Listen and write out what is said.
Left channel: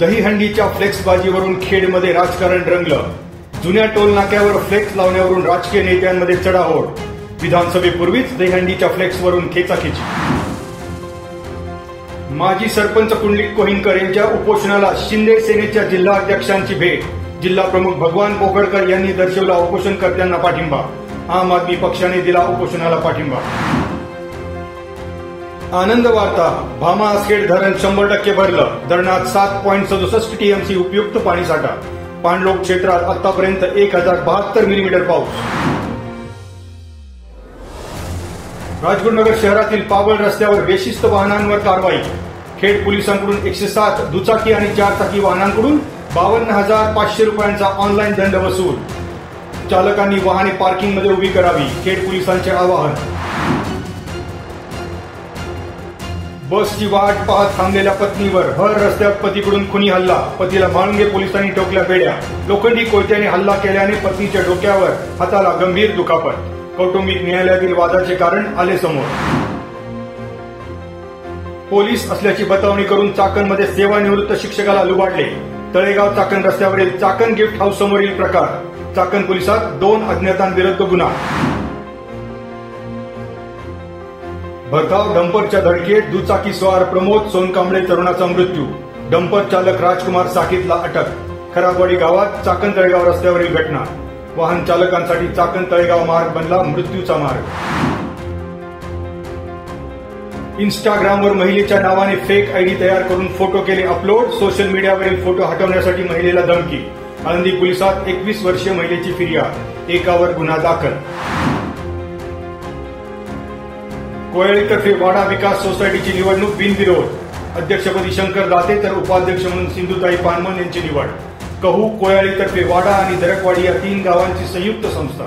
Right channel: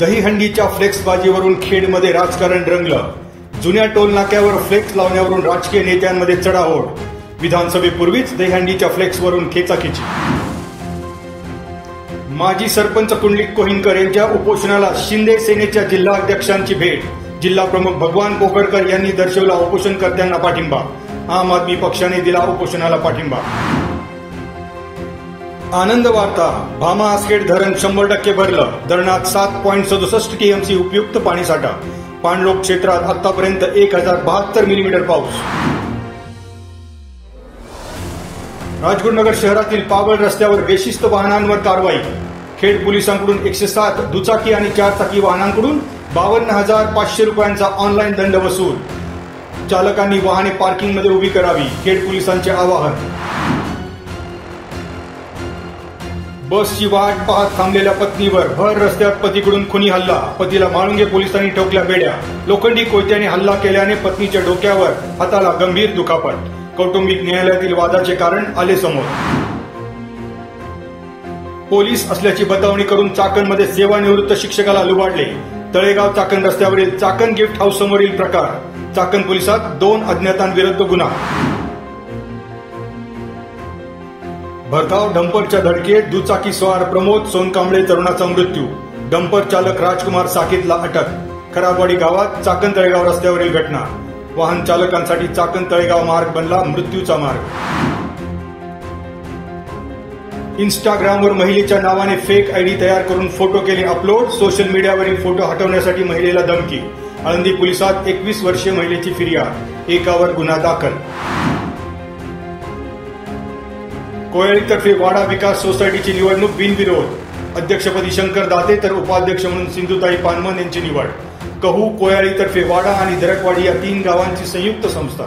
दहीहंडीच्या फ्लेक्सबाजीवरून खेडमध्ये राजकारण रंगलं. जुन्या टोल नाक्यावर फ्लेक्स लावण्यावरून राजकीय नेत्यांमध्ये चढाओढ. विधानसभेपूर्वीच दहीहंडीच्या फ्लेक्सवरून खेचाखेची. माजी सरपंच पुंडलिक कोहिनकर यांच्या उपोषणाला शिंदे सेनेच्या जिल्हाध्यक्षांची भेट. जिल्हा प्रमुख भगवान कोकळकर यांनी दर्शवला उपोषणकर्त्यांना पाठिंबा. आम आदमी पक्षाने दिला उपोषणाला पाठिंबा. आनंद वार्ता. भामा आसखेड धरण 100% भरलं. धरणात 7.67 टीएमसी उपयुक्त पाणीसाठा. पाणलोट क्षेत्रात आतापर्यंत 1072 मिलीमीटर पाऊस. राजगुरुनगर शहरातील कावळ रस्त्यावर बेशिस्त वाहनांवर कारवाई. खेड पोलिसांकडून 107 दुचाकी आणि 4 चाकी वाहनांकडून 52,500 रुपयांचा ऑनलाईन दंड वसूल. चालकांनी वाहने पार्किंगमध्ये उभी करावी. खेड पोलिसांचे आवाहन. बसची वाट पाहत थांबलेल्या पत्नीवर भर रस्त्यात पतीकडून खुनी हल्ला. पतीला म्हाळुंगे पोलिसांनी ठोकल्या बेड्या. लोखंडी कोयत्याने हल्ला केल्याने पत्नीच्या डोक्यावर हाताला गंभीर दुखापत. कौटुंबिक न्यायालयातील वादाचे कारण आले समोर. पोलीस असल्याची बतावणी करून चाकणमध्ये सेवानिवृत्त शिक्षकाला लुबाडले. तळेगाव चाकण रस्त्यावरील चाकण गिफ्ट हाऊस समोरील प्रकार. चाकण पोलिसात 2 अज्ञातांविरुद्ध गुन्हा. भरधाव डंपरच्या धडकेत दुचाकी स्वार प्रमोद सोनकांबळे तरुणाचा मृत्यू. डंपर चालक राजकुमार साकीतला अटक. खराबवाडी गावात चाकण तळेगाव रस्त्यावरील घटना. वाहन चालकांसाठी चाकण तळेगाव मार्ग बनला मृत्यूचा मार्ग. इंस्टाग्रामवर महिलेच्या नावाने फेक आयडी तयार करून फोटो केले अपलोड. सोशल मीडियावरील फोटो हटवण्यासाठी महिलेला धमकी. आळंदी पोलिसात 21 वर्षीय महिलेची फिर्याद. एकावर गुन्हा दाखल. कोयळीतर्फे वाडा विकास सोसायटीची निवडणूक बिनविरोध. अध्यक्षपदी शंकर दाते तर उपाध्यक्ष म्हणून सिंधुताई पानमन यांची निवड. कहू कोयाळीतर्फे वाडा आणि दरकवाडी या 3 गावांची संयुक्त संस्था.